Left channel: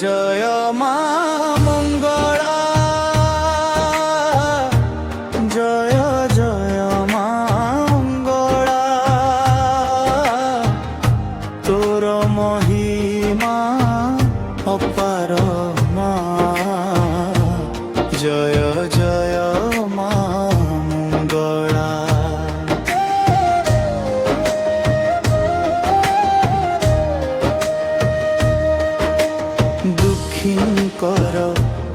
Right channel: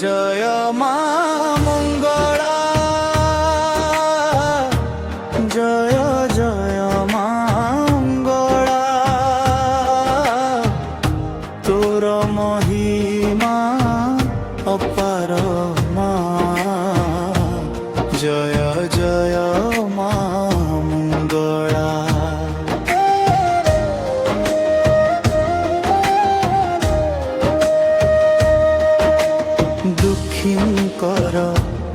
জয় মা মঙ্গলা, জয় জয় মা মঙ্গলা, তোর মহিমা অপার মা, জয় জয় মা মঙ্গলা। দুঃখীঙ্কর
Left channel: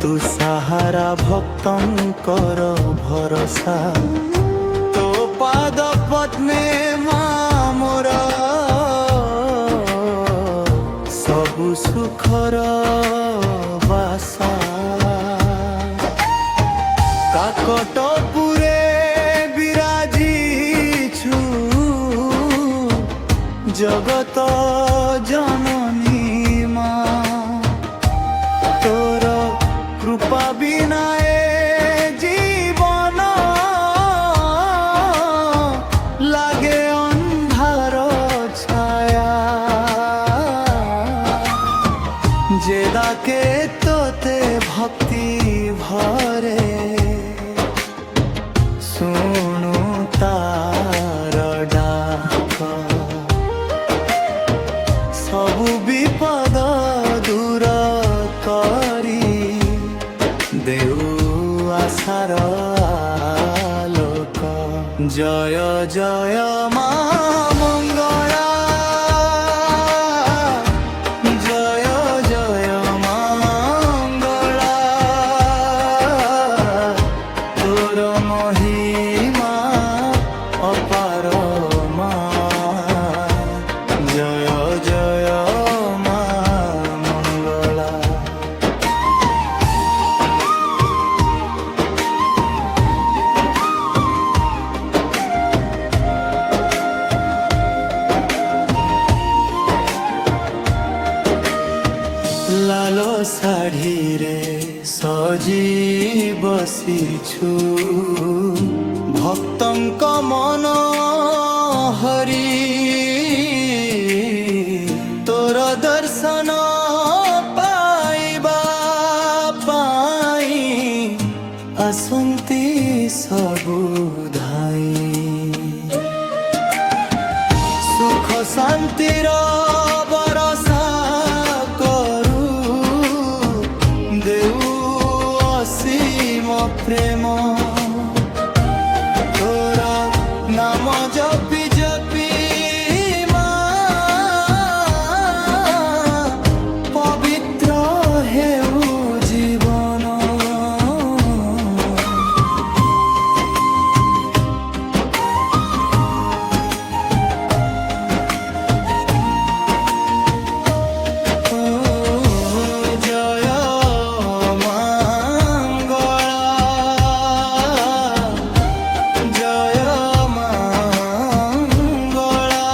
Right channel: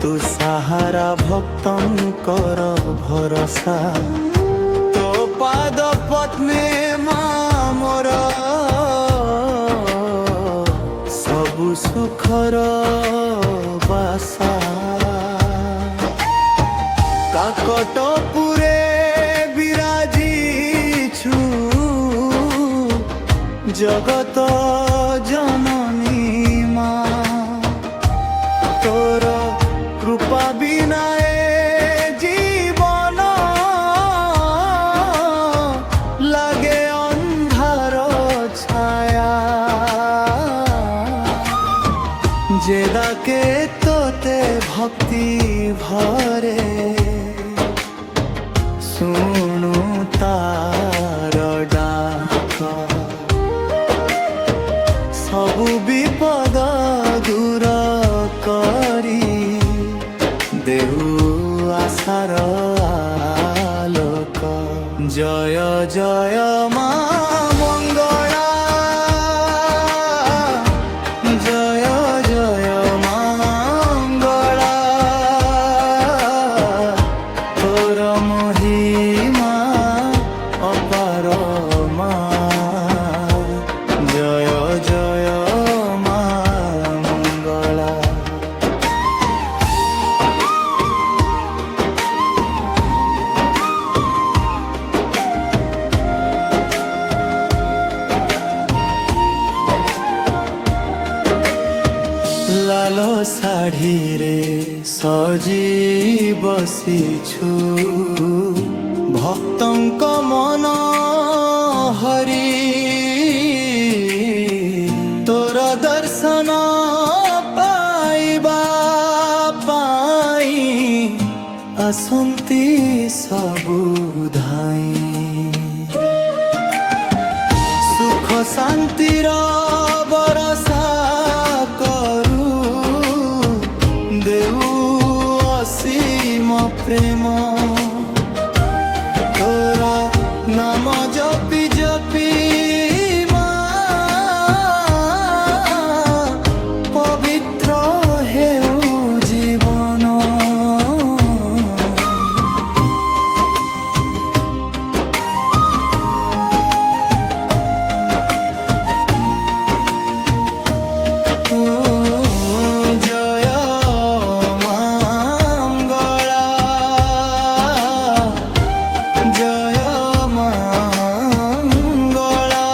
তু সাহারা, ভক্তঙ্কর ভরসা, তো পাদ পদ্মে মা মোর সবু সুখর বাসা। কাকটপুরে বিরাজিছু, জগত জননী মা, তোর কৃপা বিনায়ে জীবন লাগে অন্ধার ছায়া। যে ডাকে তোতে ভক্তি ভরে, শুণু তার ডাক, সবু বিপদ দূর করি দেউ আশার আলোক। জয় জয় মা মঙ্গলা, জয় জয় মা মঙ্গলা, তোর মহিমা অপার মা, জয় জয় মা মঙ্গলা। লাল ଶାଢ଼ୀରେ ସଜି ବସିଛୁ, ଭକ୍ତଙ୍କ ମନ ହରି, ତୋର ଦର୍ଶନ ପାଇବା ପାଇଁ ଆସନ୍ତି ସବୁ ଧାଇଁ। ସୁଖ ଶାନ୍ତିର ବରଷା କରୁ ଦେଉ ଅସୀମ ପ୍ରେମ, ତୋର ନାମ ଜପି ଜପି ମା ପବିତ୍ର ହେଉ ଜୀବନ। জয় মা মঙ্গলা, জয় মা মঙ্গলা,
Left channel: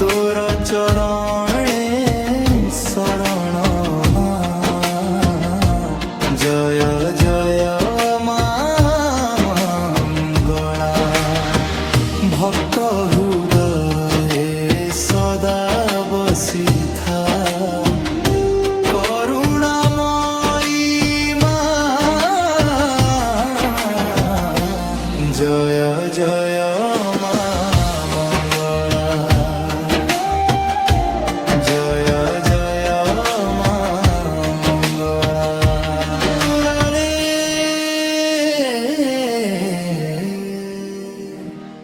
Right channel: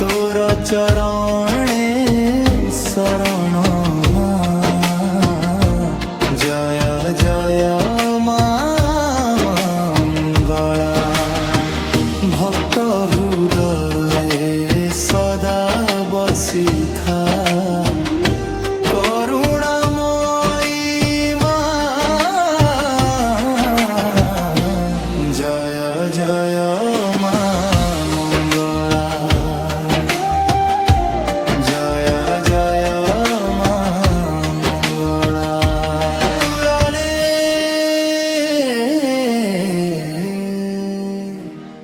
তোর চরণে শরণ মা, জয় জয় মা মঙ্গলা। ভক্ত হৃদয়ে সদা বসিথা,